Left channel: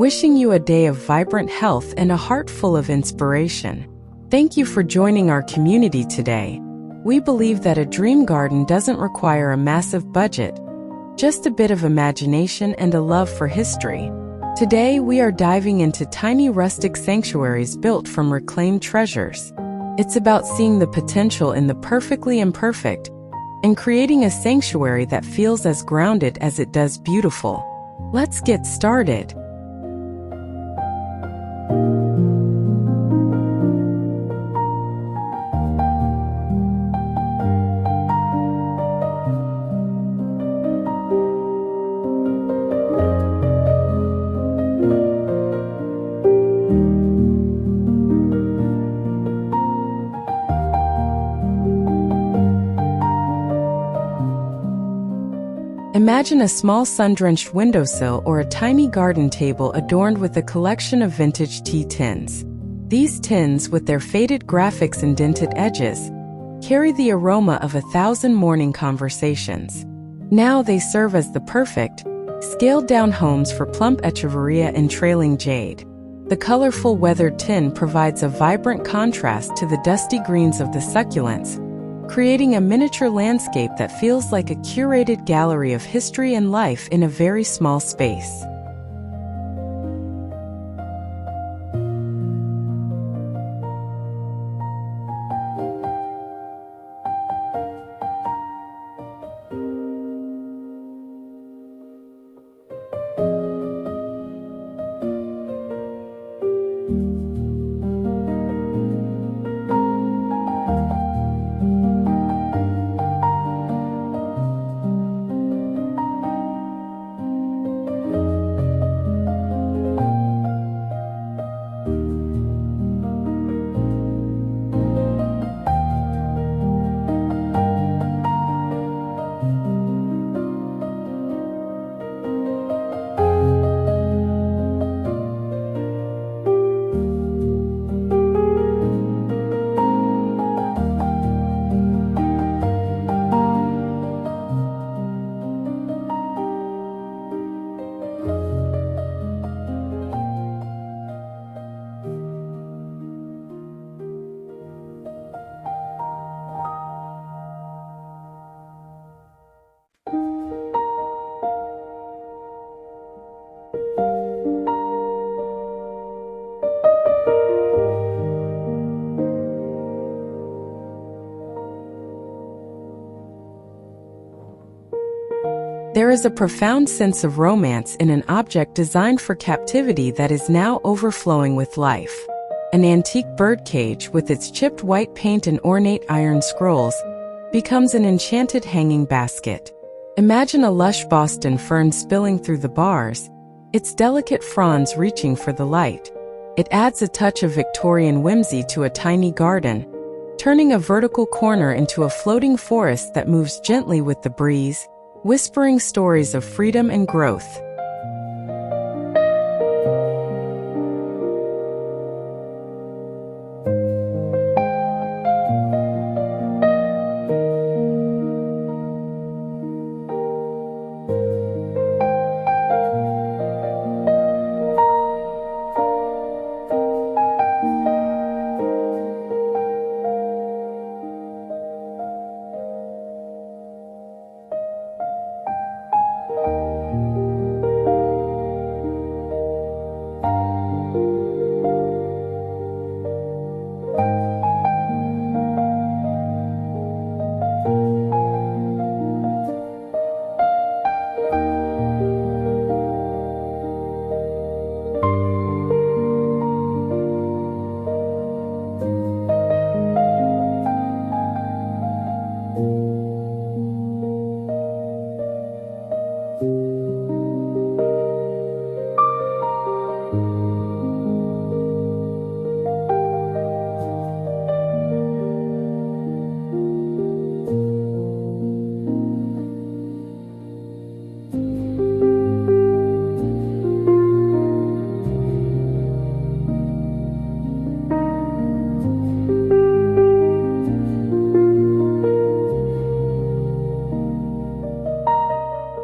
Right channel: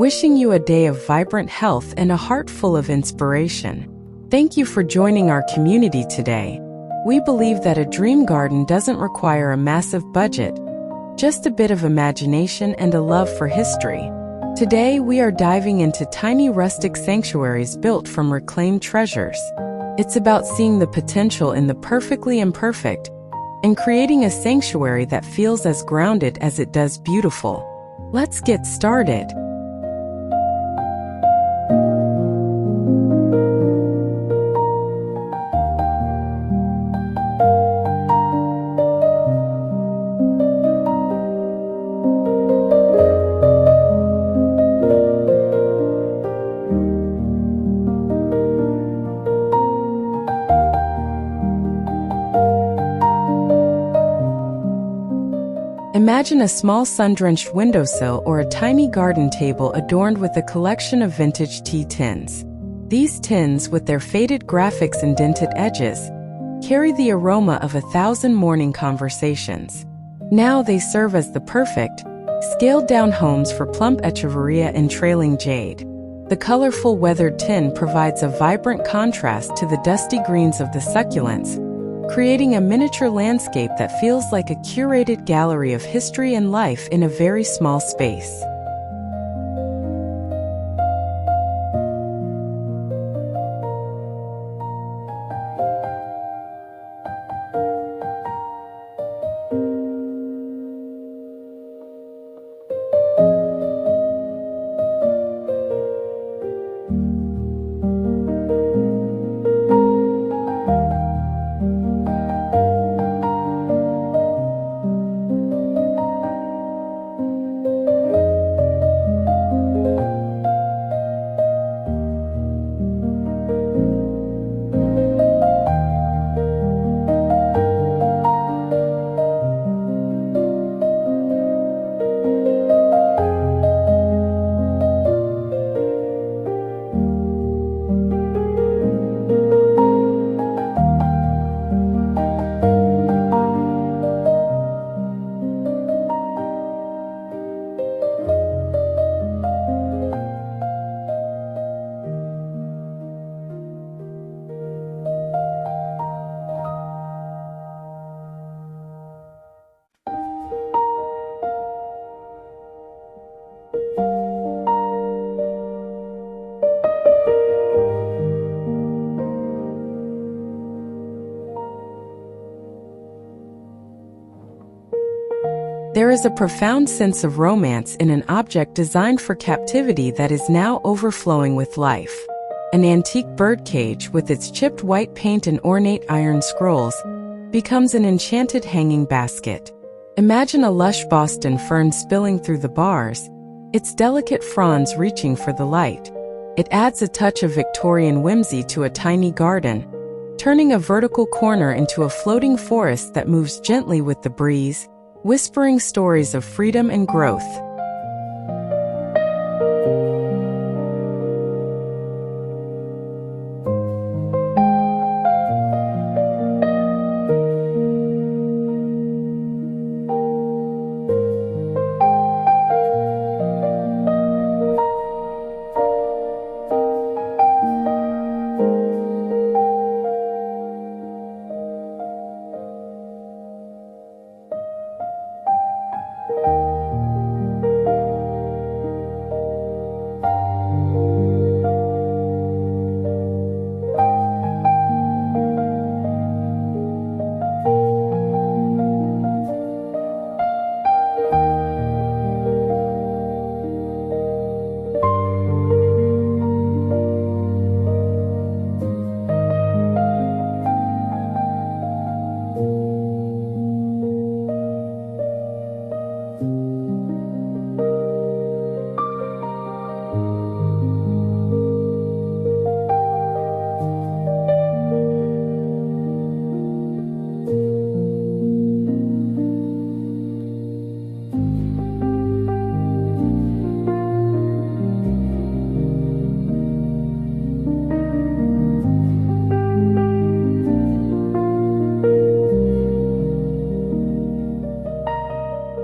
wishing you a day of vibrant health and a heart full of inspiration. Thank you for joining our community today. We believe that a dream garden doesn't require a massive budget, just a bit of imagination and a love for history. Today, we are diving into tiny rustic sanctuaries built from reclaimed treasures. It's about seeing the potential in the perfectly imperfect and creating a sanctuary that feels as grounded as it does beautiful. Let's get started. Imagine a small sun-drenched windowsill or a tiny garden table adorned with a collection of vintage tea tins. These tins, with their faded graphics and dented edges, carry the aroma of 1,000 morning conversations. Now they serve as the perfect, scaled-down homes for plump echeveria and trailing jade. The colorful weathered tin provides a vibrant contrast to the dusty greens of the succulents, creating a miniature landscape that feels like a curated gallery of history and life in a very small space. There is a profound sense of romance in an object designed for captivity that is now overflowing with life. An antique birdcage with its chipped white paint and ornate iron scrolls becomes an enchanted hanging basket. Imagine a lush Boston fern spilling through the bars, its delicate fronds reaching for the light. It adds a touch of Victorian whimsy to a tiny garden, turning a vertical corner into a floating forest that moves gently with the breeze, whispering stories of freedom and growth.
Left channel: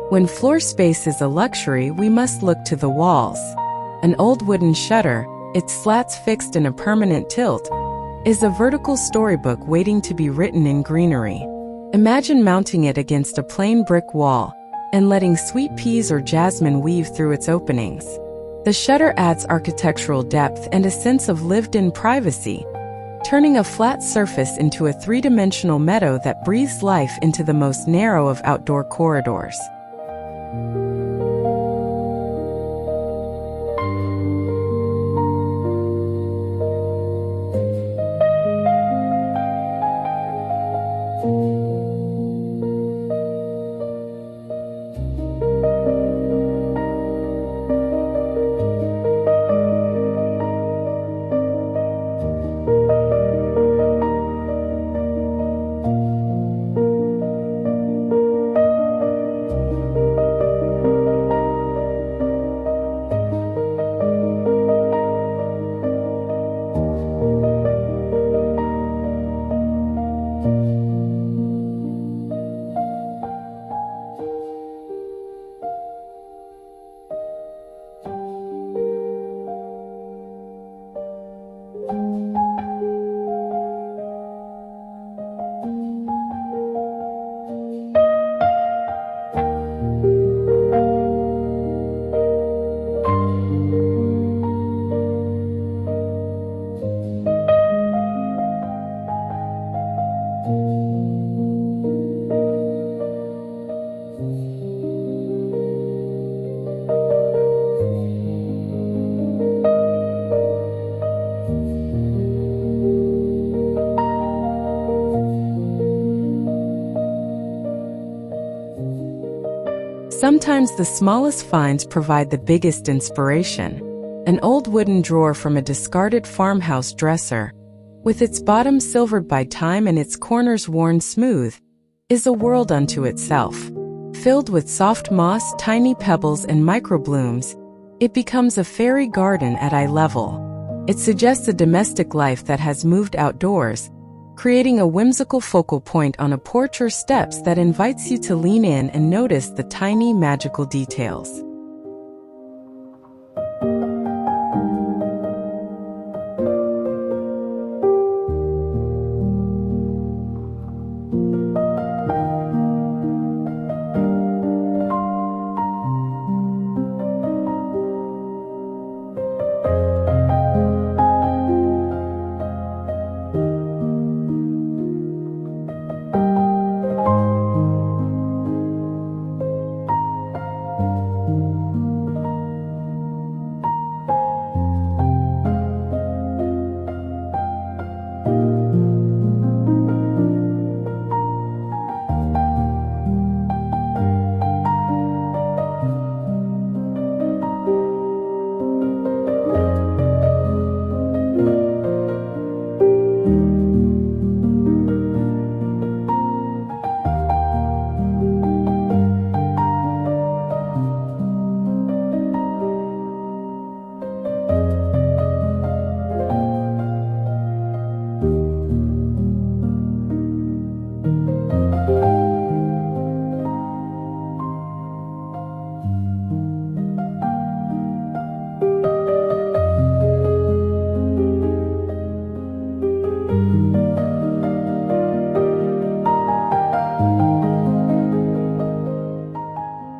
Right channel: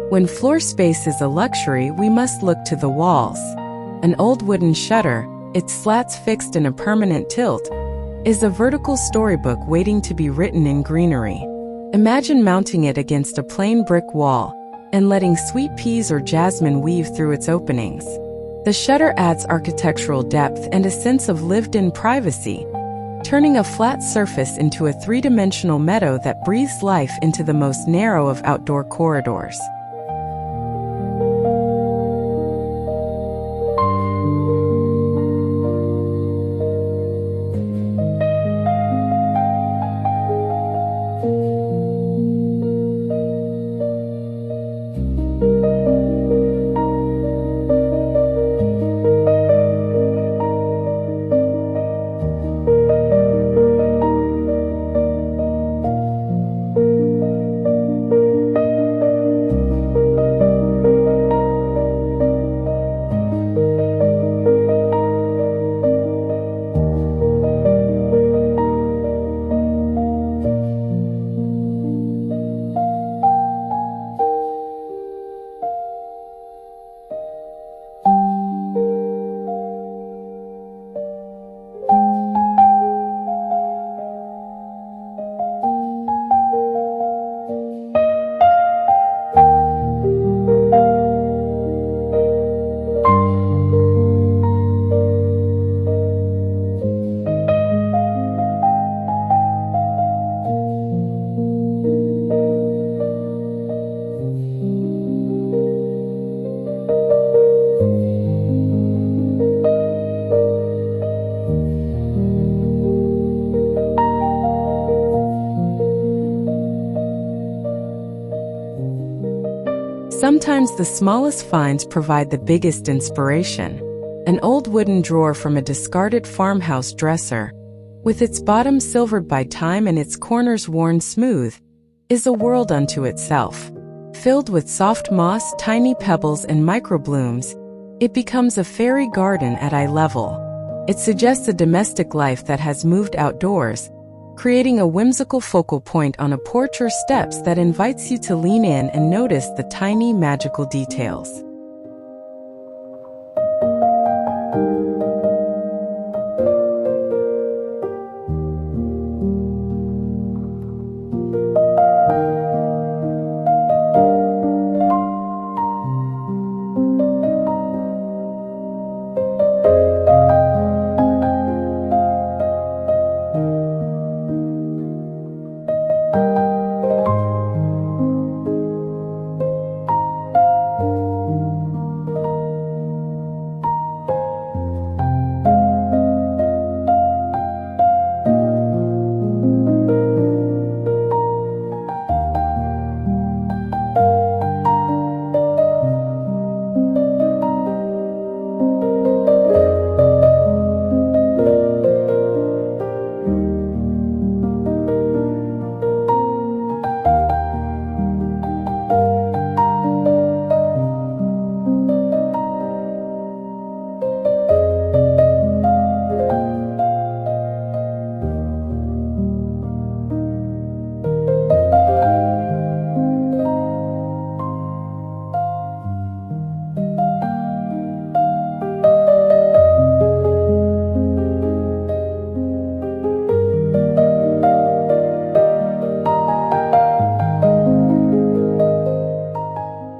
When floor space is a luxury, we must look to the walls. An old wooden shutter, its slats fixed in a permanent tilt, is a vertical storybook waiting to be written in greenery. Imagine mounting it against a plain brick wall and letting sweet peas or jasmine weave through its openings. The shutter adds architectural depth and a sense of lived-in privacy, turning a flat surface into a three-dimensional meadow that breathes life into the most narrow of outdoor corridors. Sometimes the smallest finds provide the biggest inspiration. An old wooden drawer from a discarded farmhouse dresser, with its bottom silvered by time and its corners worn smooth, is a world unto itself. Filled with soft moss, tiny pebbles, and microblooms, it becomes a fairy garden at eye level. It suggests a domestic life that has moved outdoors, creating a whimsical focal point on a porch or steps that invites you to lean in and notice the tiny magical details.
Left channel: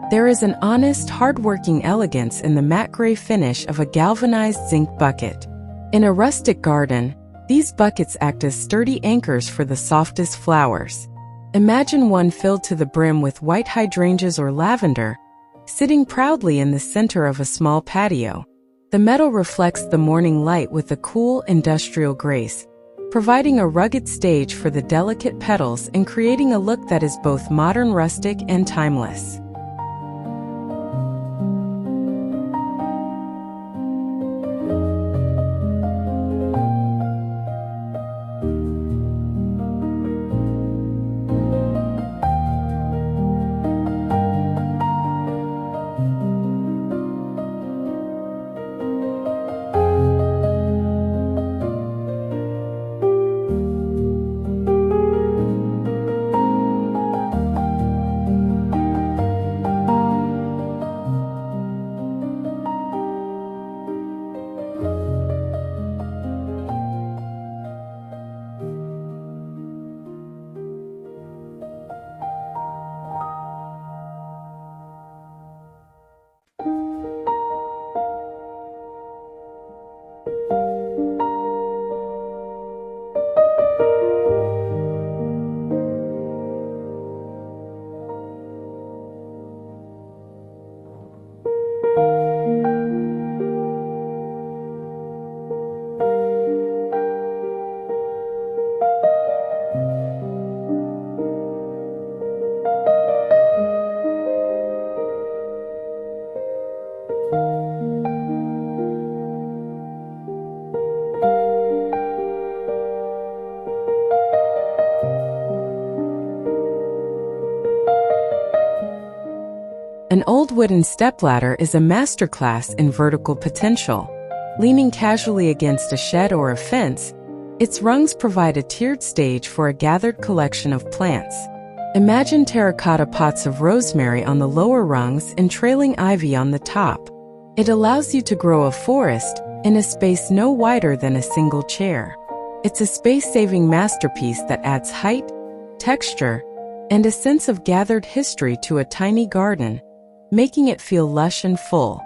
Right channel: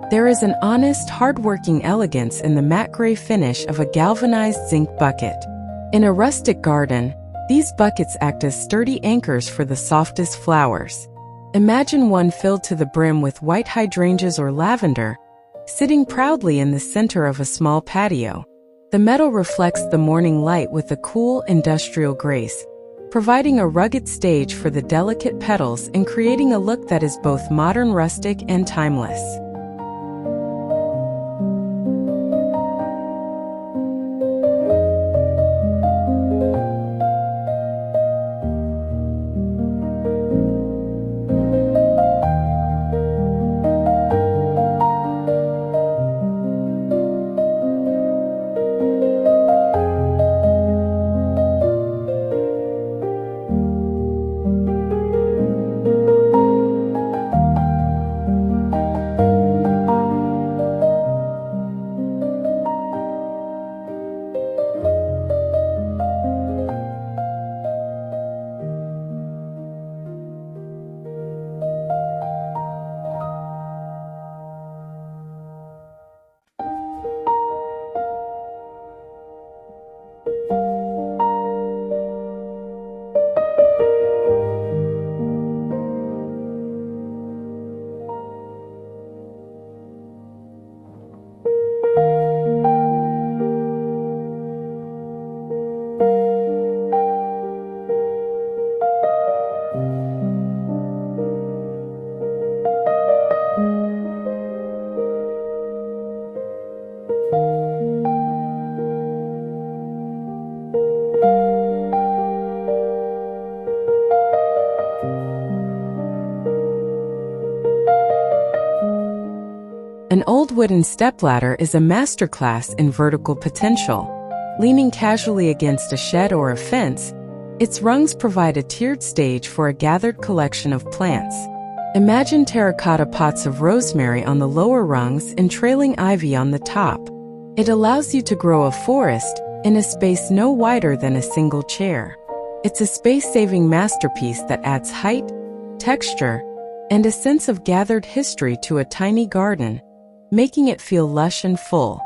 There is an honest, hard-working elegance in the matte gray finish of a galvanized zinc bucket. In a rustic garden, these buckets act as sturdy anchors for the softest flowers. Imagine one filled to the brim with white hydrangeas or lavender, sitting proudly in the center of a small patio. The metal reflects the morning light with a cool, industrial grace, providing a rugged stage for the delicate petals and creating a look that is both modern, rustic, and timeless. An old wooden stepladder is a masterclass in vertical potential. Leaning casually against a shed or a fence, its rungs provide a tiered stage for a gathered collection of plants. Imagine terracotta pots of rosemary on the lower rungs and trailing ivy on the top. It allows you to grow a forest in a space no wider than a single chair. It's a space-saving masterpiece that adds height, texture, and a sense of gathered history to a tiny garden, making it feel lush and full.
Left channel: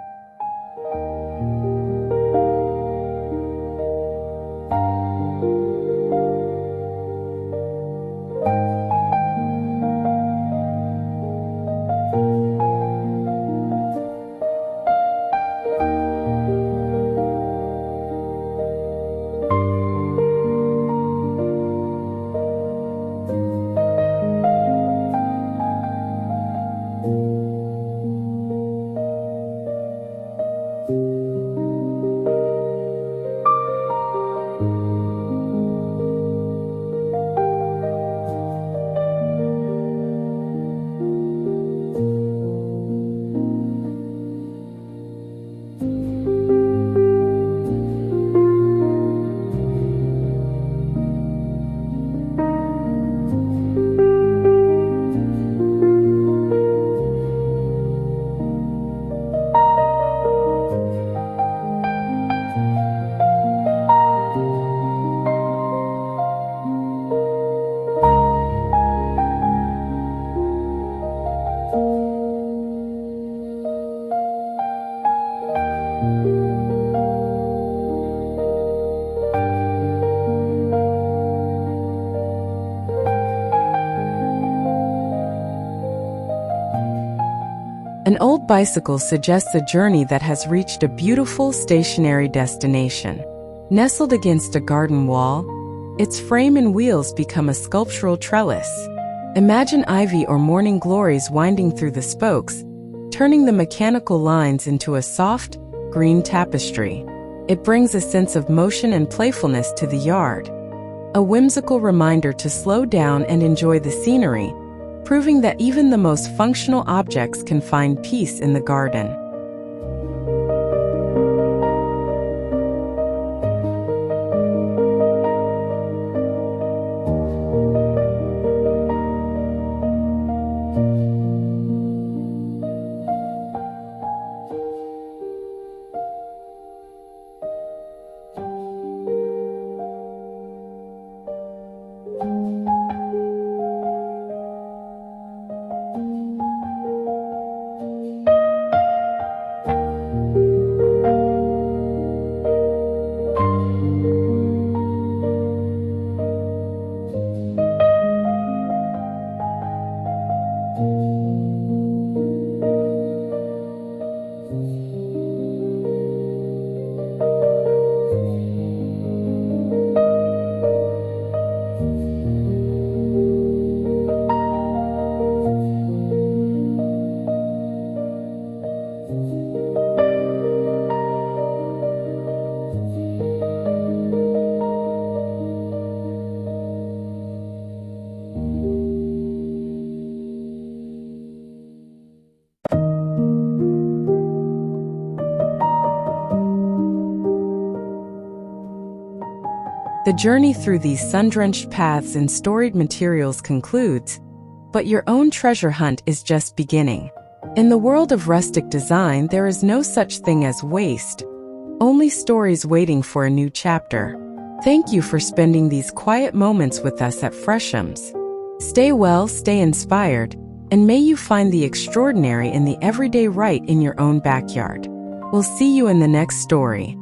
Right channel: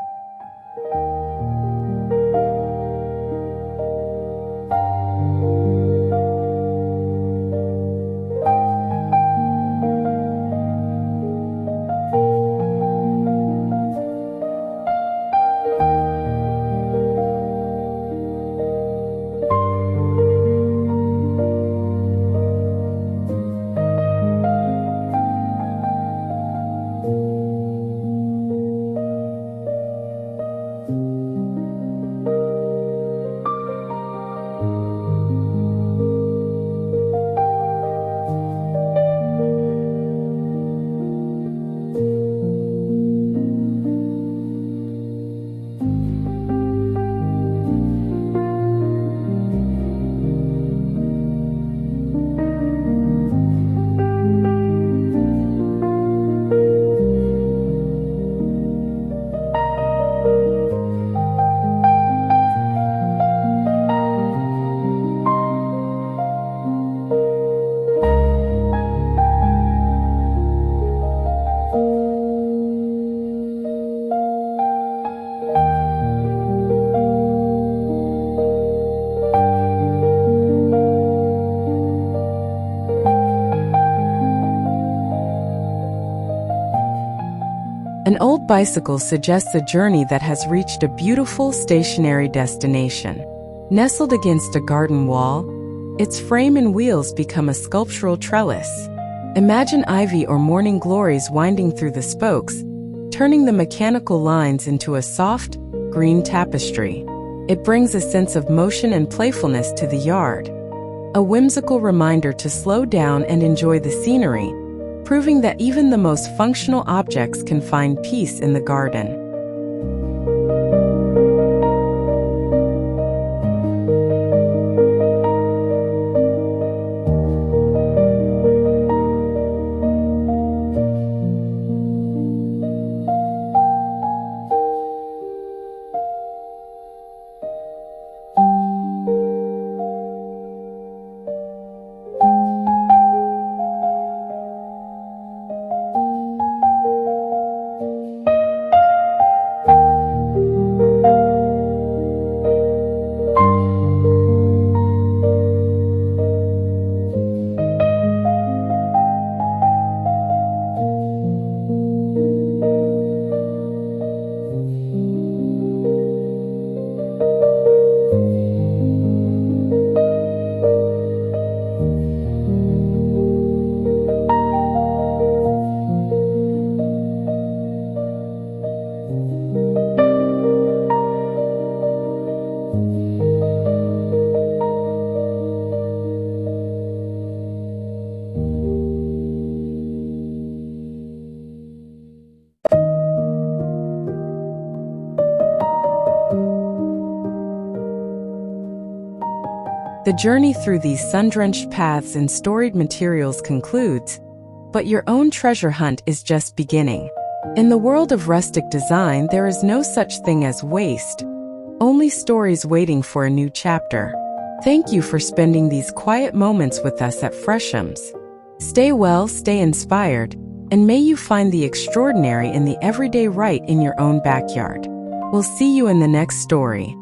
An old bicycle suggests a journey that has reached a beautiful stationary destination. Nestled against a garden wall, its frame and wheels become a sculptural trellis. Imagine ivy or morning glories winding through the spokes, turning the mechanical lines into a soft, green tapestry. It brings a sense of motion and playfulness to the yard. A whimsical reminder to slow down and enjoy the scenery, proving that even the most functional objects can find peace in the garden. The journey through these sun-drenched paths and storied materials concludes, but your own treasure hunt is just beginning. In the world of rustic design, there is no such thing as waste, only stories waiting for a new chapter. Thank you for spending these quiet moments with us at Freshomz. Stay well, stay inspired, and may you find the extraordinary in the everyday right in your own backyard. We'll see you in the next story.